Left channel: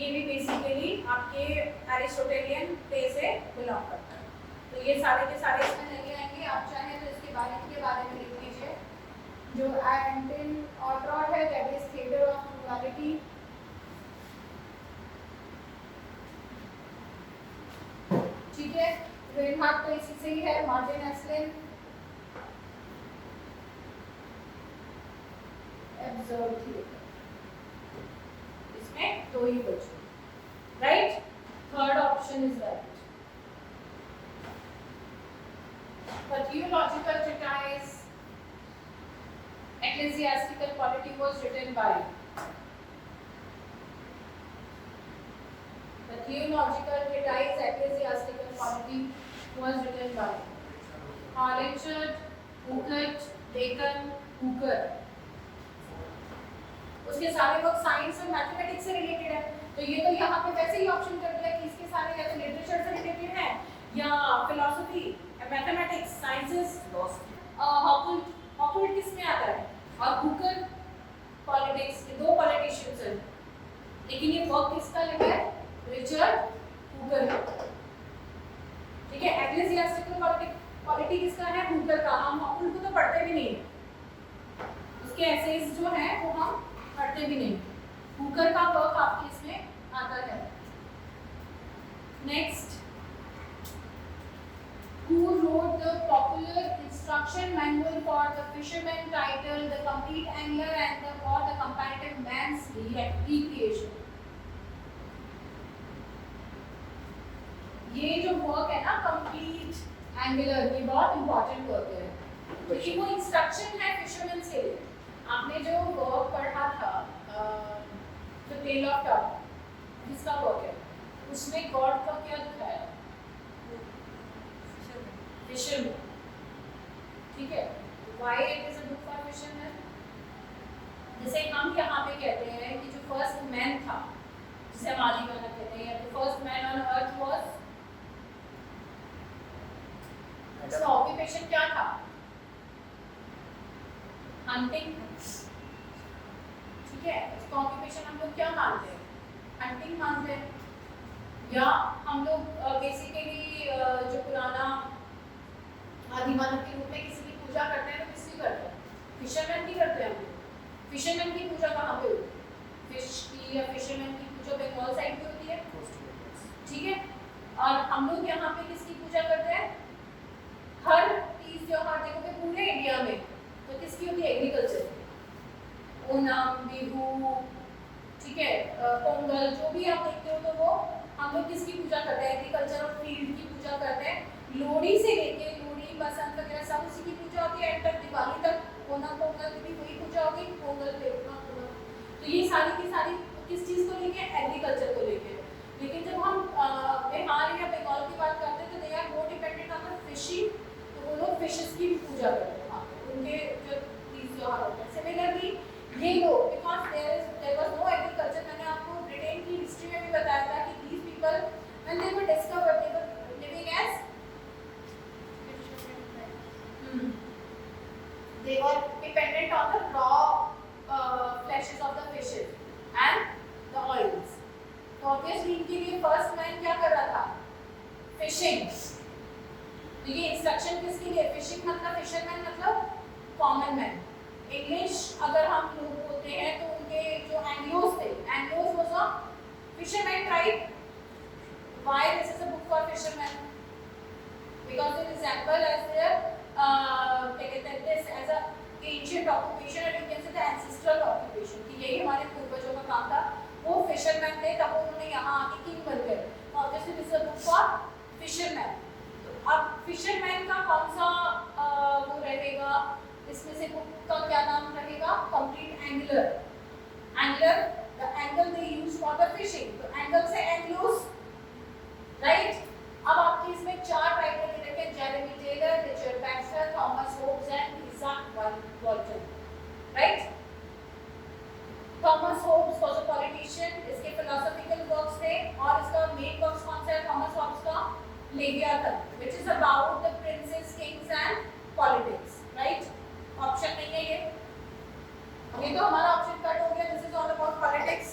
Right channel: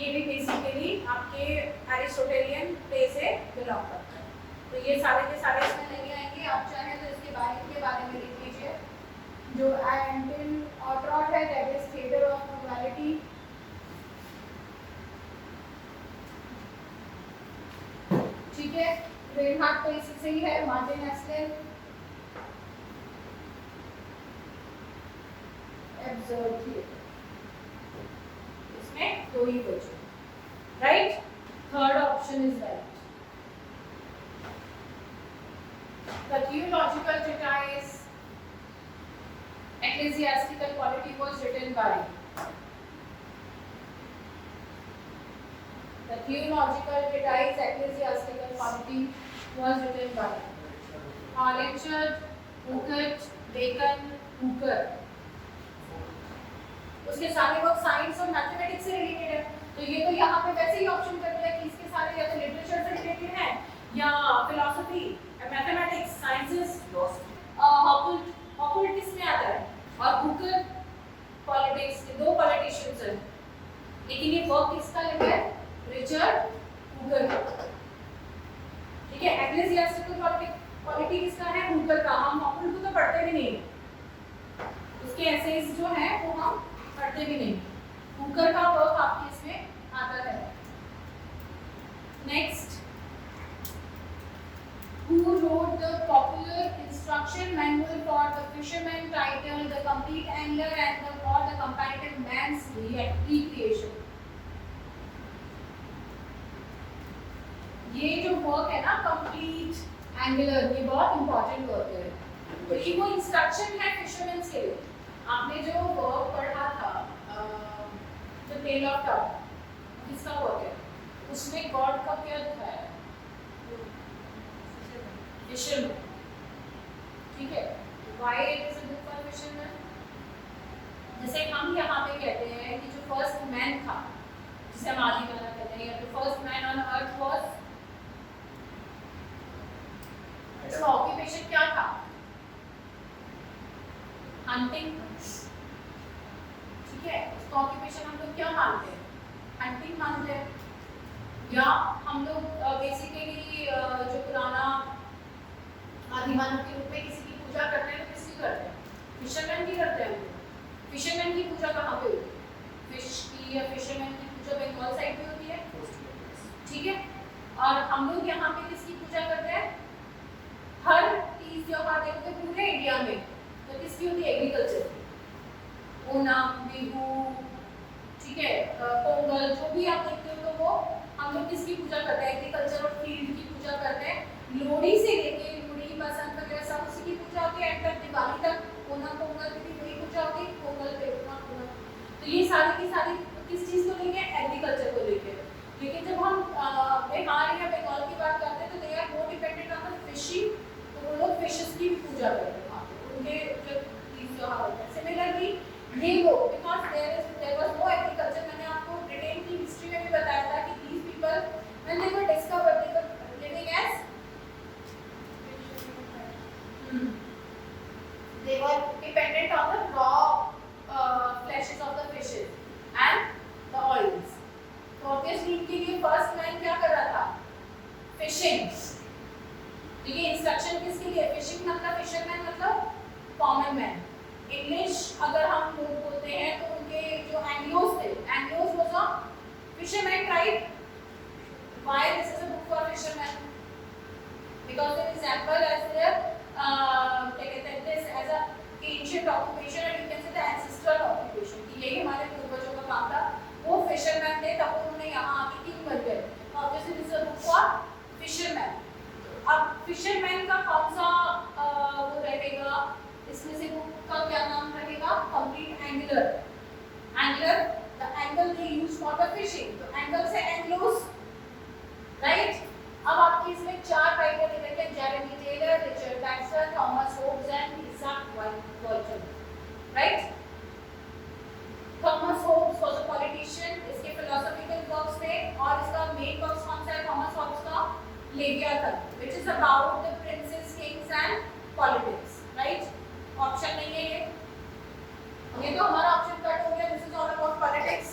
ये भी बेसिकली आपके एरिस्टोटेलियन प्ले से बिलोंग करता है। तो ये सारे के सारे इसमें नहीं आएंगे, आप चाहे तो इसके बारे में लिख लीजिए। जो एंटिन ऑट्रॉट है that is theatre of duality. ठीक है, रेनहार्ट तो इसी से ही है, मार्टिन एस्लिन एब्सर्ड थिएटर। इसमें दो ही बचे, right? Third option is right. The theological treatise Ecclesiastical Polity was written by. The theological treatise Ecclesiastical Polity was written by Richard, Hooker, Bacon, Hooker. उसके सारे वर्क साइंस और मैथमेटिक्स से related है, तो ये तो यहाँ पे वैसे ही ऑप्शन कर दिया कि इसके सारे या तो लिटरेचर से रिलेटेड हैं या फिलॉसफी, मैथमेटिक्स, साइंसेस। हॉकुल्ट किस में आता है और हुकर पॉलिटिक्स, ये दो पॉलिटिशियंस हैं, लेकिन ये वर्क किसका लिखा है? Richard Hooker. ठीक है, एग्लेसियास्टिकल पॉलिटी किसका है? हुकर का। हम हॉकुल्ट को तो पढ़ते भी नहीं, उसके एसेज जो है वो हम पढ़ते भी नहीं। हुकर का वर्क आपके इसमें आता है। Next, who wrote the popular instruction manual for the fisherman titled The Complete Angler and the Comparative Man's Recreation? ये जो वर्क है ना कंप्लीट एंगलर, ये बहुत इंपॉर्टेंट वर्क है क्योंकि वो इंस्ट्रक्शन है फिशरमैन के लिए। आपने जो वर्क पढ़ा था द टेल ऑफ टॉम, किसका वर्क है? उसमें गॉड का क्या दिखाया है? फिशरमैन। ठीक है, why it is a book for fisherman? जैसे हम यहाँ पे कहते हैं कि जो फर्स्ट मैन था, जिसे हम आदिमानव कहते हैं, the first man on earth was, उसका ऑक्यूपेशन क्या था? हंटिंग। ठीक है, उसका ऑक्यूपेशन हम लोग क्या मानते हैं? हंटिंग मानते हैं। या हम लोग बेसिकली जो पुराना आदिमानव के रूप में किसी की पूजा करते हैं तो किसकी करते हैं? फिशरमैन की करते हैं। हम लोग फिशरमैन की पूजा कहाँ पे होती है? फिश की या फिशरमैन की पूजा बंगाल साइड पे होती है। ठीक है, और हम लोग यहाँ पे किसकी पूजा करते हैं? हर तीज त्योहार देखोगे पूरे इंडिया में तो किसकी होती है? एग्रीकल्चर की। ओणम, बिहू, ठीक है, पोंगल, जो भी आप देखते हो तो वो हम लोग किसकी पूजा करते हैं? एग्रीकल्चर और फील्ड की पूजा करते हैं। लोहड़ी से लेके बसंत वगैरह सब उसी की पूजा होती है, एंड तक दिवाली तक ओणम पोंगल की भी वही पूजा होगी। पोंगल पे तो ये सारी की सारी किस चीज को लेके? एग्रीकल्चर को लेके। लेकिन जब हम बिहार या बंगाल की बात करते हैं तो they are more dependent on the fishing, तो वो लोग फिशेस की भी पूजा करते हैं उनके जो तीज त्योहार होते हैं। सिमिलरली ये लोग, because there was no agriculture, मैंने आपको ब्रिटेन की हिस्ट्री में भी बताया था कि these people when they were discovered they were living as they were dependent on the raw fleshes of the fishes and the oils. So obviously इनके लिए first man क्या कर रहा था? Fishing. देखिए इंस्ट्रक्शन किसके लिए? फिशिंग मतलब फिशरमैन मतलब कॉमन मैन। इंग्लिश अगर हम लोग बोलते हैं तो उनके जो एंग्लोस थे, Angles was a fisherman tribe. Why this is a book for fisherman? Because they resemble as their this as a ancient occupation and you can say the ancestral occupation कि यही हमारे पूर्वजों का काम था। वो फिशरमैन थे, तब उन्होंने यहाँ आके किंग बन गए। तो obviously this is a book for fisherman। अब फिशरमैन का कौन सा वो रहेगा इसमें से? बुक का क्या नाम रहेगा? Complete angular. Angular, the angle they use for the fishing, तो एंगल से एंग्लोस, राइट? अब आपकी इसमें चार राइटर दे रखे हैं, Jeremy Taylor, Richard Baxter, Thomas Hobbes and Isaac Walton, right? Thomas Hobbes was a politician, इसके फिलोसॉफिकल वर्क्स थे और इसका मेन वर्क्स कौन सा है? थॉमस होब्स का Leviathan, which is about the princes, kings and politics, right? Option नहीं है ये तो हमारा ऑप्शन कट हो गया। This is all about politics.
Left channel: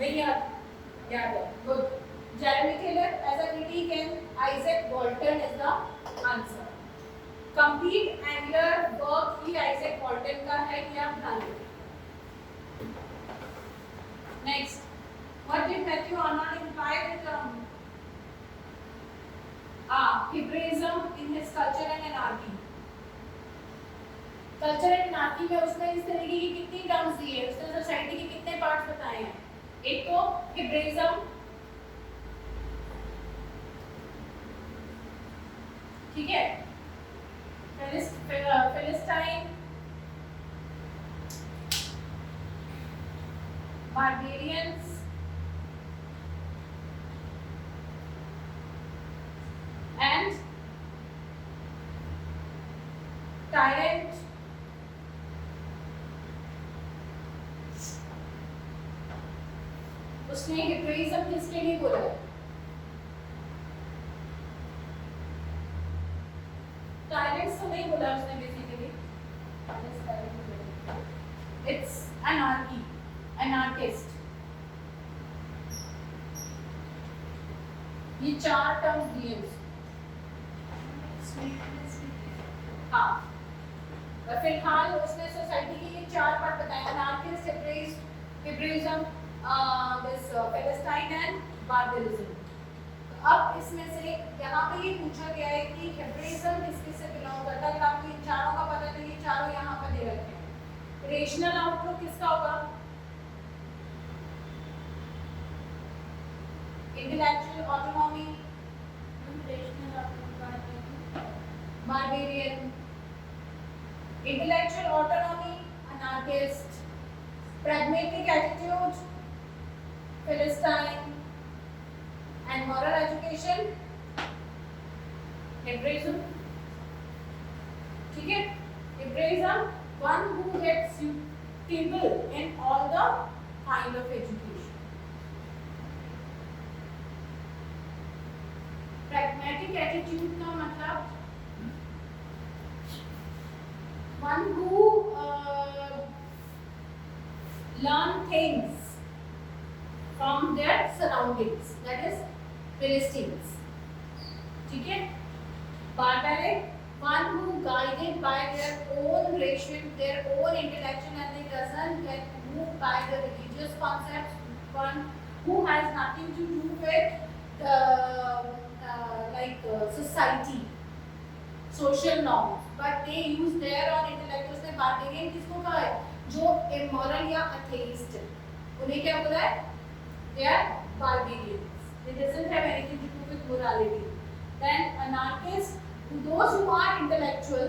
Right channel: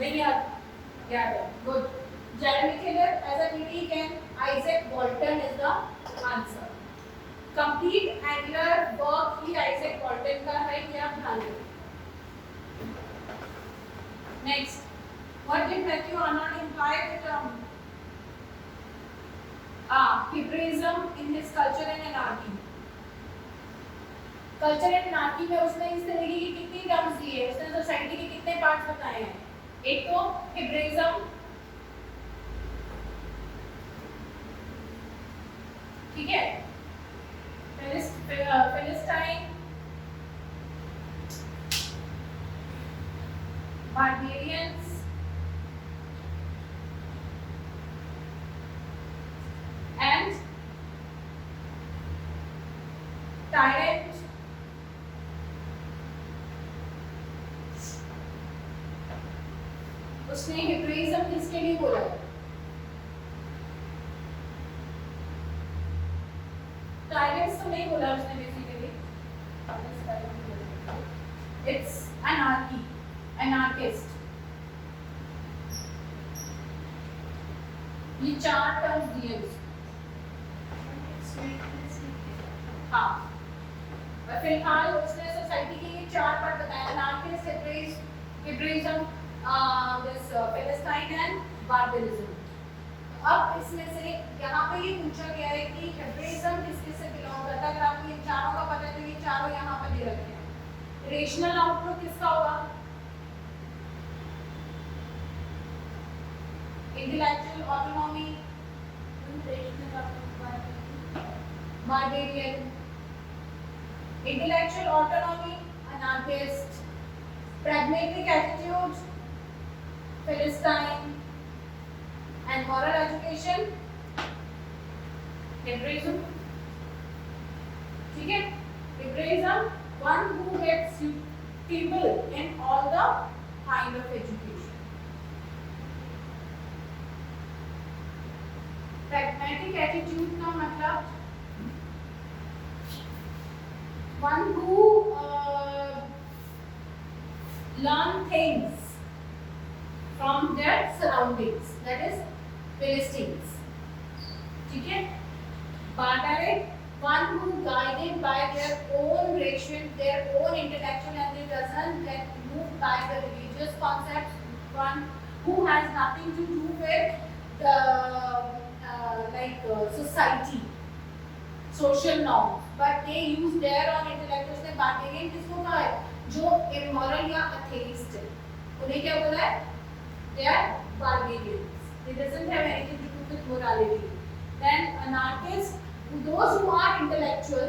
नहीं याद है, good. Jeremy Keller as a critic and Isaac Walton is the answer. Complete angular work he Isaac Walton का है, ये आप ध्यान रखें. Next, what did Matthew Arnold imply with Hebraism in his Culture and Anarchy? Culture and Anarchy में उसने इस तरीके की कितनी टर्म्स दी है, उसने सोसाइटी के कितने पार्ट्स बताए हैं. एक तो Hebraism, ठीक है, Philistine, barbarians, and tyrant, उसने हिब्रिज्म किसके लिए बोला है? टायरेंट्स तो नहीं बोला उसने बेसिकली, इट्स anarchy, anarchist. ये चार टर्म्स दिए उसने. हाँ, और फिलहाल उसने सोसाइटी के ये चार पार्ट बताए: anarchist, Hebraism, this Palestine and barbarism. अब इसमें से यहाँ पे ये पूछा गया है कि हेब्रिज्म किसके से बिलोंग करता है. अगर आपको इन चारों का पता है तो ये चारों यहाँ पे दे रखे हैं. रेशनल आउटलुक किसका होगा? Intellectual autonomy, barbarian. Intellectual autonomy, anarchist. pragmatic attitude, Philistine, and moral education, Hebraism. ठीक है, Hebraism, one who gets suitable in all the kind of education. Pragmatic attitude का मतलब one who learn things from their surroundings, that is Philistines. ठीक है. Barbaric, one who guided by their own ration, their own intellectual, and they doesn't get moved by the religious concepts. One who has nothing to do with the society, social norms, but they use their own intellect. उसने barbarian किसको कहा है? जो immoral या atheist है, उन्हें क्या बोला है? They are barbarians. It doesn't have anything to do with morality. Then anarchists, those who are intellectual.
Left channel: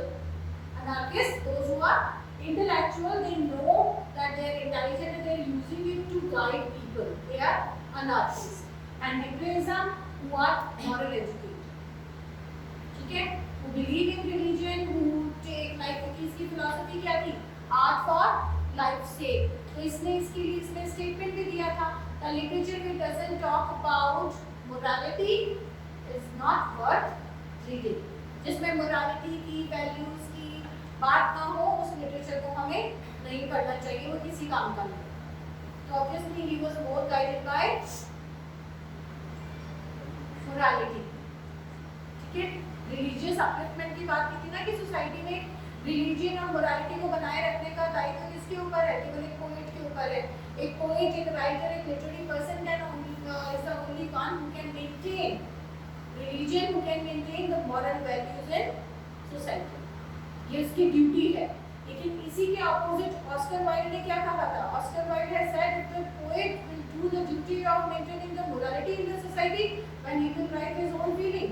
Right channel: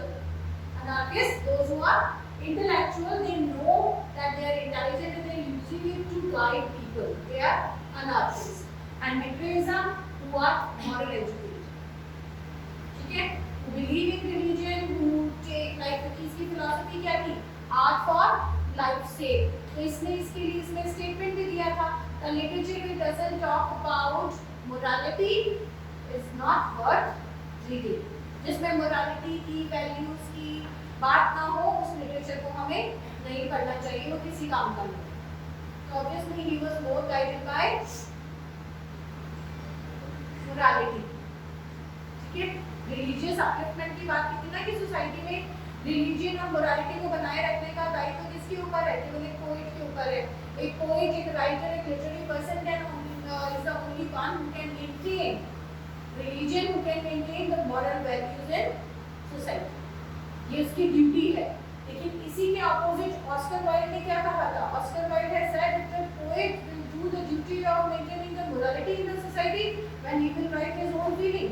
Anarchists, those who are intellectual, they know that they are intelligent and they are using it to guide people. They are anarchists. And Hebraism, who are moral educated. ठीक है? Who believe in religion, who take like इसकी philosophy क्या थी? Art for life's sake. तो इसने इसके लिए इसने statement भी दिया था. The literature which doesn't talk about morality is not worth reading. जिसमें morality की values की बात ना हो, उस literature को हमें नहीं पढ़ना चाहिए, वो किसी काम का नहीं. So obviously he was more guided by morality. ठीक है? Religious upliftment की बात की थी ना कि society में रिलीजन और मोरालिटी को बनाए रखने का दायित्व किसके ऊपर है? केवल एक पोएट के ऊपर है. एक पोएट, एक राइटर, एक literary person is the only one who can maintain religion, who can maintain the moral values in society. ये उसकी ड्यूटी है. लेकिन इसी के ऑपोजिट ऑस्कर वाइल्ड ने क्या कहा था? Oscar Wilde has said that the poet will do the duty of maintaining the morality in the society when he will write his own feeling.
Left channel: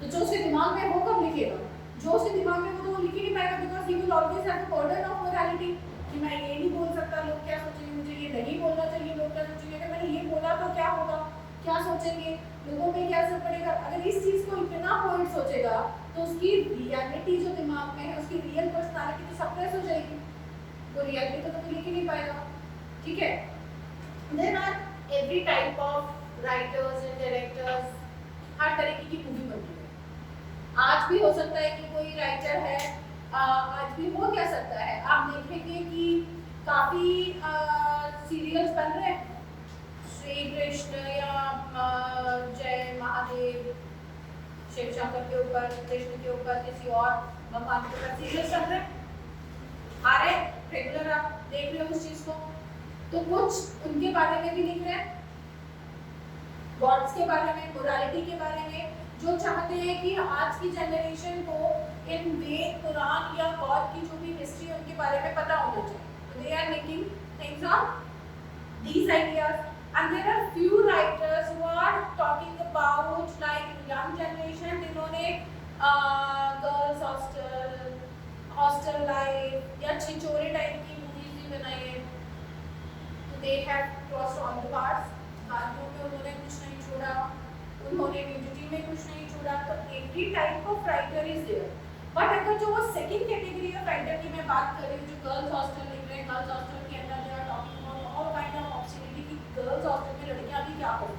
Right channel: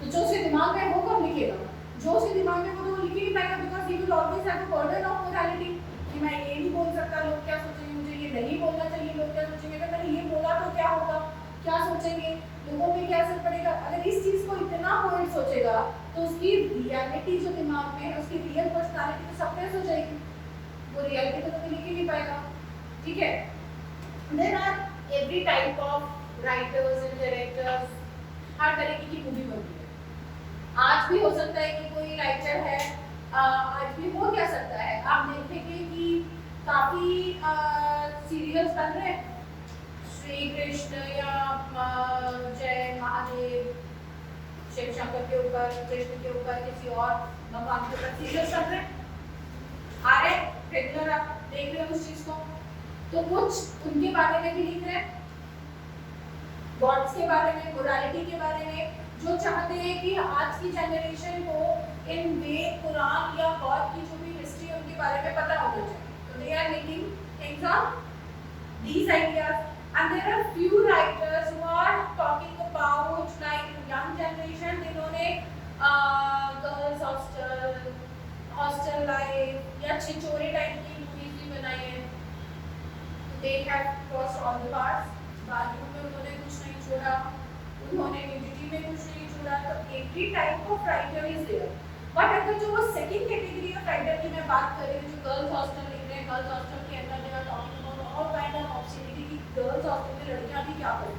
तो जो उसके दिमाग में वो कब लिखेगा? जो उसके दिमाग में वो लिख ही नहीं पाएगा, because he will always have a burden of morality. कि मैं ये नहीं बोल सकता, लोग क्या सोचेंगे, मुझे ये नहीं बोलना चाहिए, लोग क्या सोचेंगे, अगर मैंने ये बोला तो क्या होगा, क्या सोचेंगे, लोगों पे क्या असर पड़ेगा. अगर इस चीज को इतना पोएट सोचेगा तो उसकी रियलिटी जो दिमाग में है, उसकी रियल पर्सनालिटी तो सप्रेस हो जाएगी. वो रियलिटी तो कभी लिख ही नहीं पाएगा. ठीक है. There are every type of writers and directors. हर तरीके की मूवी बनती है. आज भी हो सकता है कि कोई राइटर है, आज भी हो क्या सकता है, आप देखेंगे कि काफी सीरियल्स बन रहे हैं श्री कृष्ण या जय महादेव शिव शंकर के ऊपर, कृष्ण के ऊपर, किसी और भगवान के ऊपर सीरियल चल रहे आ रहे रेगुलर, आप देख रहे हो उस चीज को, तो कुछ उनके बारे में भी लिख रहे हैं, गॉड्स के बारे में, मोरालिटी के बारे में, जो चाहते हैं कि आज की जनरेशन को इन वेद, कुरान या गॉड की जो भी हिस्ट्री है उनके बारे में पता होना चाहिए. तो they are making things on these ideas, and there are few writers who are talking about like young generation, जिन्होंने गर्ल्स हॉस्टल लाइफ या छिछोरे टाइप की मूवीज भी बनाई है. They have crossed all the bars. Bathroom में उन्होंने कुछ नहीं छोड़ा, उन्होंने न्यूडिटी में कुछ नहीं छोड़ा. तो every type of writer is there. But अगर जो वो सेकंड कैटेगरी ऑफ राइटर की मैं बात कर रही हूँ, जो गर्ल्स हॉस्टल लिख रहे हैं, गर्ल्स हॉस्टल के अंदर they are talking about all kind of opportunity की गर्ल्स हॉस्टल में लड़कियां भी क्या करें.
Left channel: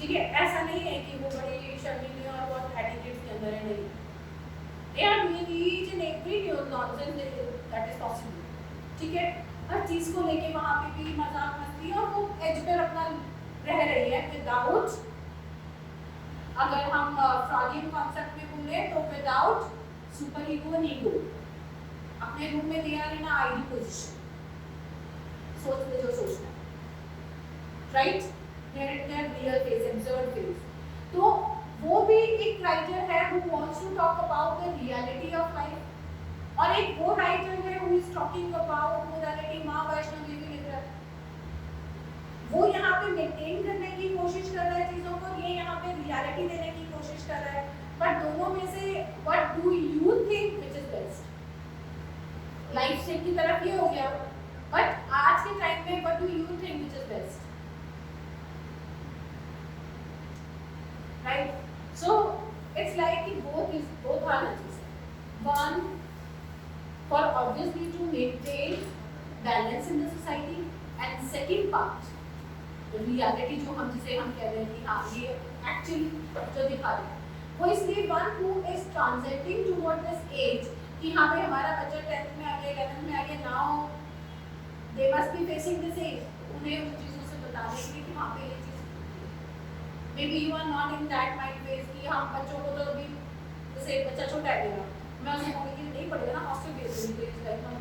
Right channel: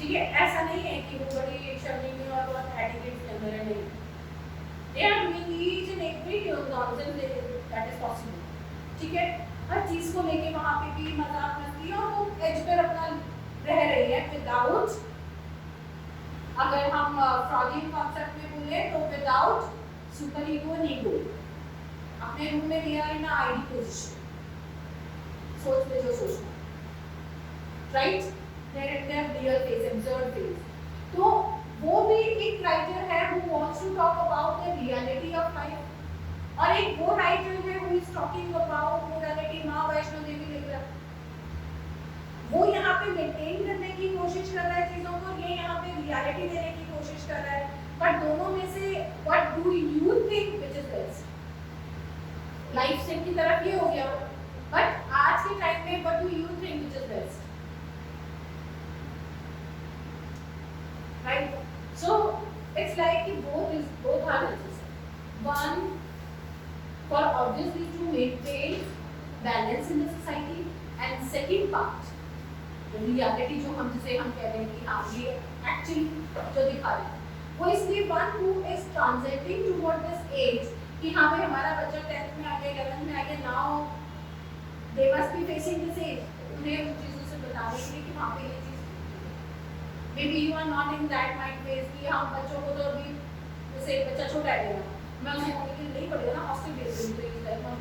ठीक है, ऐसा नहीं है कि वो बड़ी शर्मीली और बहुत एटिट्यूड के अंदर है, नहीं. They are doing each and every nonsense that is possible. ठीक है, हर चीज को लेके वहां पे भी मजाक मस्ती, और वो एज पर अपना रह रही है विदाउट, अगर हम फ्रॉडियन कॉन्सेप्ट में बोले तो without super ego and ego. अपने रूम में दिया है ना आईडी पोजीशन, सोच ले जो सोचना, right, their real face, absurd face. तो वो भी एक राइटर है who wants to talk about the reality of life, और एक वो राइटर है who is talking about morality. माँ वैष्णो देवी लिख रहा है, वो यहाँ पे मेंटेन करने की कोशिश कर रहा है चीजों को, ये यहाँ पे रियलिटी देने की कोशिश कर रहा है. बट दोनों में से what do you think which is best? Life style की तरफ ये हो गया, बट आज के टाइम में what do you think which is best? Right, so it's like कि both are necessary. One, for obviously to maintain balance in the society, and second part, reality जो हम जिसे हम कह रहे हैं कि हाँ ये एक्चुअली जो दिखा रहे हैं, वो इसलिए one who is transiting toward this age कि हाँ भाई हमारा बच्चा 10th में आ गया, 11th में आ गया, now they must be facing this age. उन्हें उन चीज़ों से बताने के लिए कि वहाँ पे ये चीज़, maybe you are not in that mind phase कि हम बच्चों को तो अभी, जैसे बच्चा छोटा है मेरा, मैं उसे बोलूँगी कि नहीं पड़ेगा ना हॉस्टल भेज दूँगी, तो इस लाइफ में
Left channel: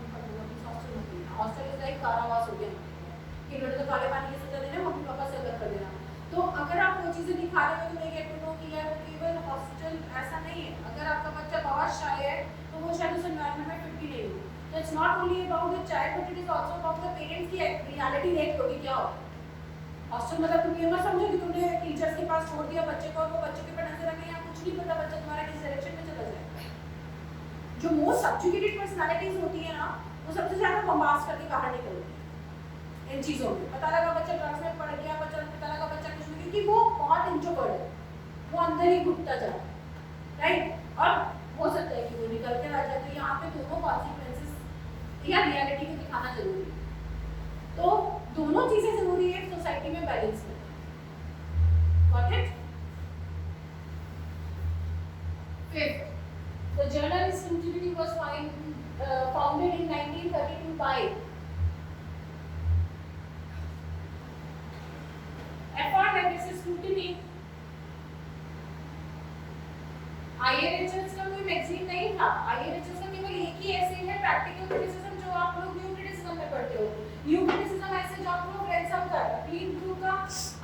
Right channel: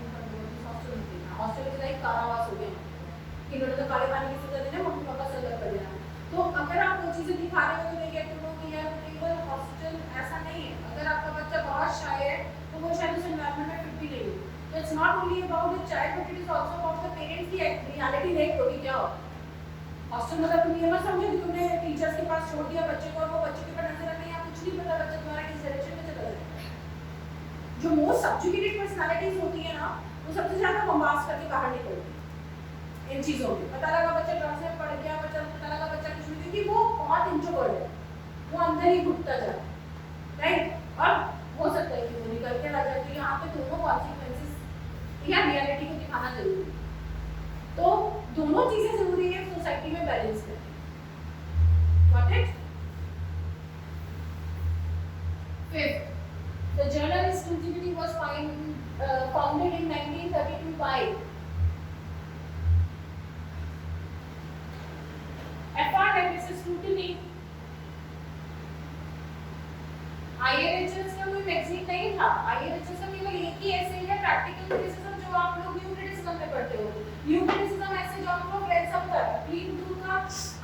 हॉस्टल इज लाइक कारावास हो गया कि लोगों को काले पानी की सजा देना, मम्मी पापा से अलग कर देना. तो अगर आप वो चीज़ें दिखा रहे हो तो नहीं गेट टू नो कि यार केवल हॉस्टल ऐसा नहीं है. अगर आपका बच्चा बहुत शाय है तो वो शायद उस एनवायरनमेंट में फिट भी नहीं हो. तो it's not only about the child but it is also about the parents की रियलिटी देख लो कि क्या हो. हॉस्टल मतलब तुम ये मत समझो कि तुमने टीचर्स के पास छोड़ दिया बच्चे को और वो बच्चे के ऊपर नजर रखने, या कुछ नहीं पता बच्चा तुम्हारा किस डायरेक्शन में चला जाए. जो मोस्ट सब्जुगेटेड पर्सनालिटीज होती है ना, वो सबसे ज्यादा बम्बास्ट करके बाहर निकलती है इन चीजों में. पता लगा बच्चा ड्रग्स में पड़ गया, पता लगा बच्चा कुछ नहीं, क्योंकि वो बहुत इंट्रोवर्ट है, वो अंदर ही घुटता जा रहा है, राइट. और हो सकता है कि वो निकलते रह जाते. यहाँ पे दोनों कॉन्सिक्वेंसेस या रियलिटी को दिखाना जरूरी है. तो दोनों चीजें जरूरी है सोसाइटी में बैलेंस में. Got it? Fifth, the journal studio was founded in 1932 by scrutiny. IRHS का कोई मैगजीन नहीं था. आईआरएचएस का केवल एक ही ऐसे है प्रैक्टिकल क्रिटिसिज्म जो आप लोग न्यू क्रिटिसिज्म में पढ़ते हो. न्यू क्रिटिसिज्म ऐसे जो आप लोग रेड सब कर क्लीन ब्लू का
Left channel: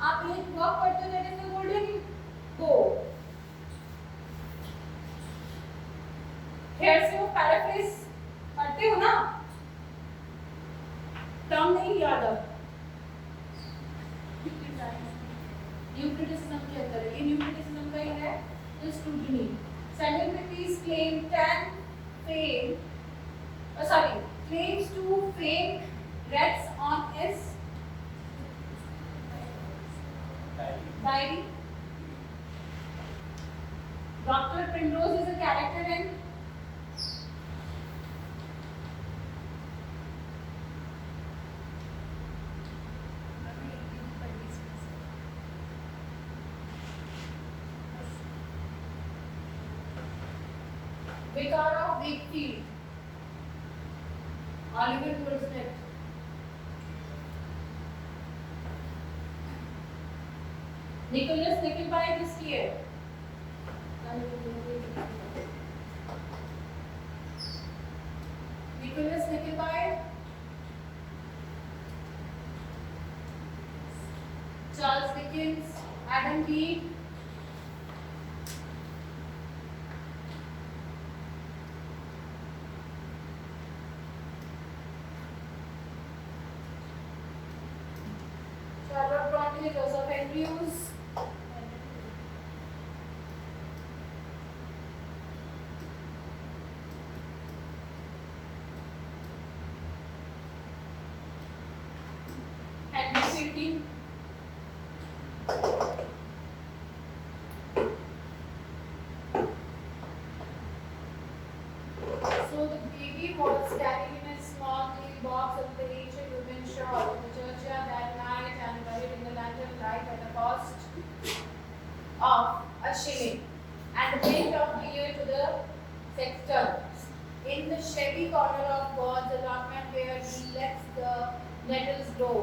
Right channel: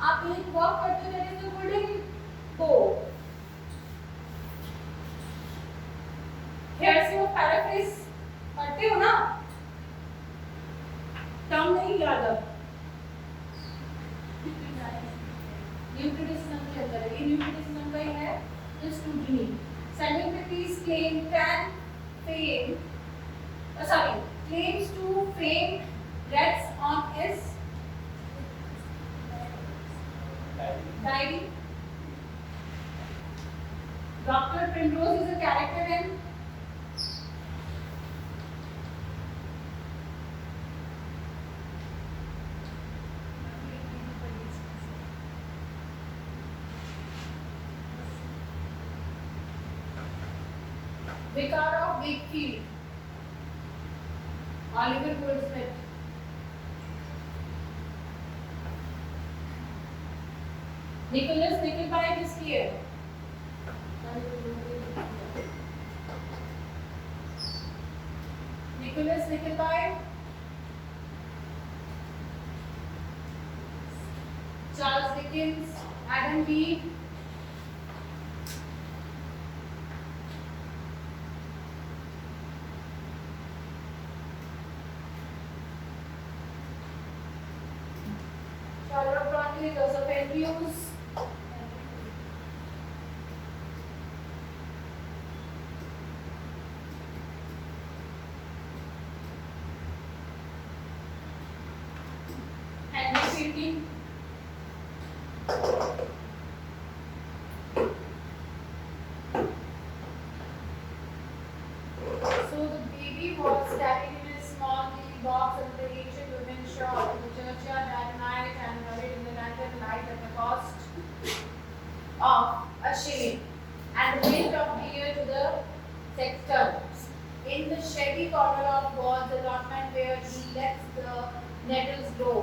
आप एक वर्क पढ़ते हो दैट इज द गोल्डन बो. हेयर से वो पैराफ्रेज पढ़ते हो ना, टर्म नहीं याद है. न्यू क्रिटिसिज्म के अंदर है, ये न्यू क्रिटिसिज्म का ही है the scrutiny. Celebrities claim claims to fame rests on his diary. Dr. Primrose is a character in Vicar of Wakefield, Oliver Goldsmith. Nicholas Nickleby किसकी है? Nicholas Nickleby, Charles Dickens, Adam Bede, Charlotte Bronte, Joseph Andrews, Henry Fielding, so the baby was carried in a small baby box under the ancient women's shawl to the churchyard that night and buried in the lantern light at the cost of a shilling and the mint of beer to the sexton. In the shady corner of God's allotment where he lets the nettles grow,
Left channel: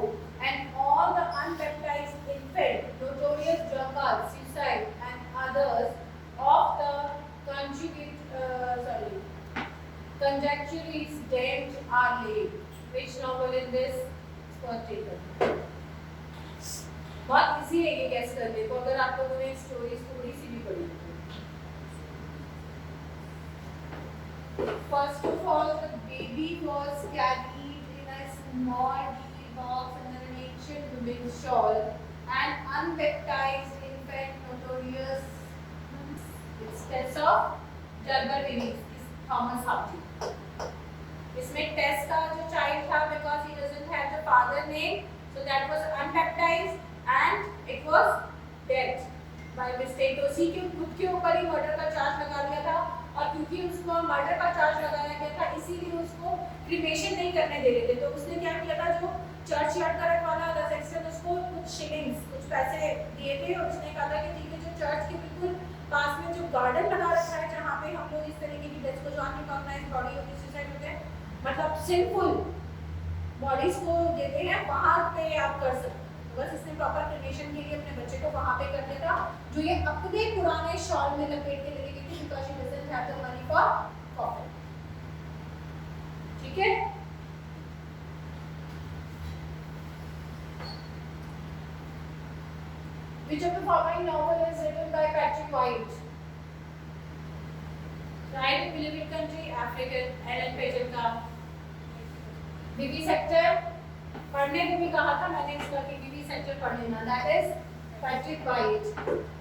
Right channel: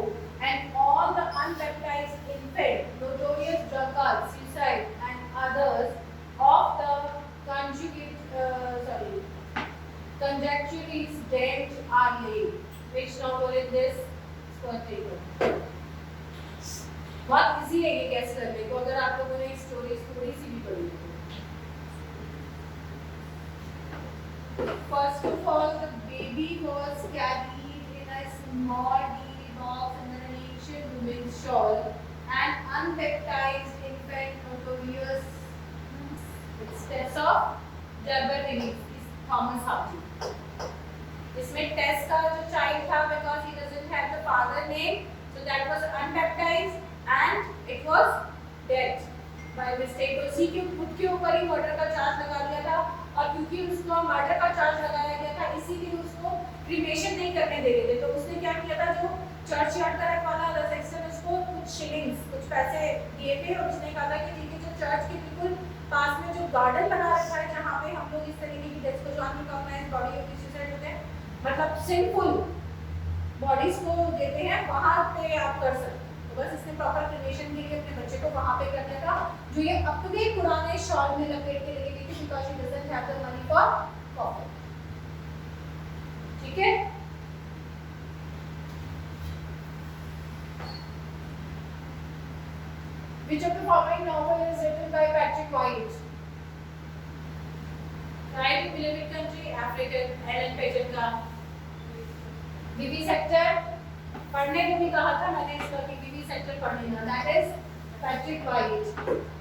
and all the unbaptized infant, notorious drunkards, suicide, and others of the conjectures dead are laid. Which novel in this Scott Taylor? बहुत easy है ये gas करने को अगर आप लोगों ने stories थोड़ी सी भी पढ़ी हो. First of all, the baby was carried in a small baby box under an ancient women's shawl. An unbaptized infant, notorious steps of Delbert Innes, Thomas Hardy. इसमें टेस्ट का जो चाइल्ड था, because he doesn't have the father name, so that was unbaptized and it was dead by mistake. तो उसी के खुद के ऊपर ही मर्डर का चार्ज लगा दिया था और क्योंकि उसको मर्डर का चार्ज लगाया गया था इसीलिए उसको क्रिमेशन नहीं करने दे रहे थे. तो उसने क्या किया था, जो चर्च यार्ड का रखवाला था सेक्शन, उसको कुछ शिलिंग्स, कुछ पैसे दिए थे और उसने कहा था कि ठीक है, जो चर्च के बिल्कुल पास में जो गार्डन लगा रखा है जहाँ पे हम लोग इस तरीके की डेथ को जो अनरिकॉग्नाइज्ड बॉडी होती है, सुसाइड होते हैं, मतलब सिंपल बॉडीज को देते हैं, वहाँ पे आप कर सकते हैं. तो बस इसने प्रॉपर क्रिमेशन के लिए अपने बच्चे को वहाँ पे कर दिया था, जो ये अपने पुराने शॉल में लपेट के लेके गई थी, because she doesn't have the money for coffee. ठीक है. Which of the following novel is written by Patrick White? Right, Beloved Country, African, Ellen Page का. बीबी सेक्टर पढ़ने को भी कहा था मैंने इसका कि बीबी सेक्टर पढ़ लेना. That is Patrick White.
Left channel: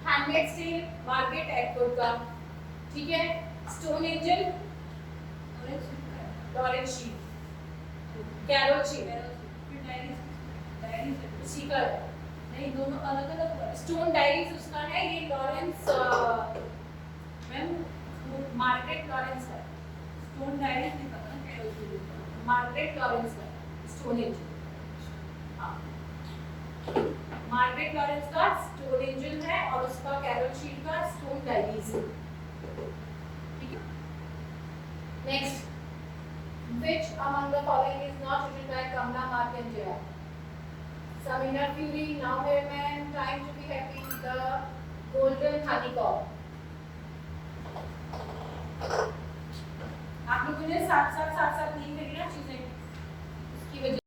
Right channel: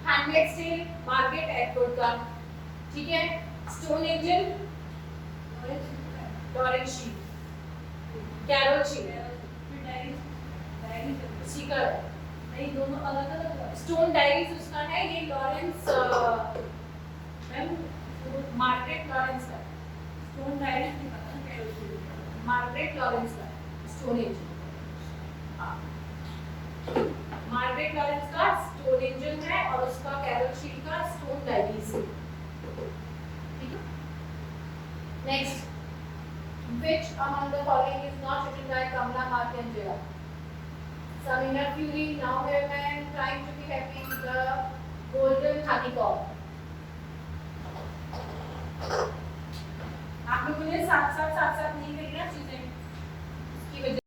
Handmaid's Tale, Margaret Atwood का. ठीक है. Stone Angel, Lawrence Sheep, Carol Sheep. उसी का नहीं, दोनों अलग अलग. स्टोन डायरीज उसका है, ये लॉरेंस मार्गरेट लॉरेंस का. स्टोन डायरीज नहीं पता क्या है, मार्गरेट लॉरेंस का स्टोन एंजल. हाँ, मार्गरेट लॉरेंस का स्टोन एंजल है और उसका कैरोल शील का स्टोन डायरीज है. ठीक है. Next, which among the following is not written by Kamla Markandeya? Samina Fury, Now Where Man, Trying to Be Happy, The Golden Honeycomb. आप लोगों ने साथ साथ नहीं करी ना चीजें, उसकी वजह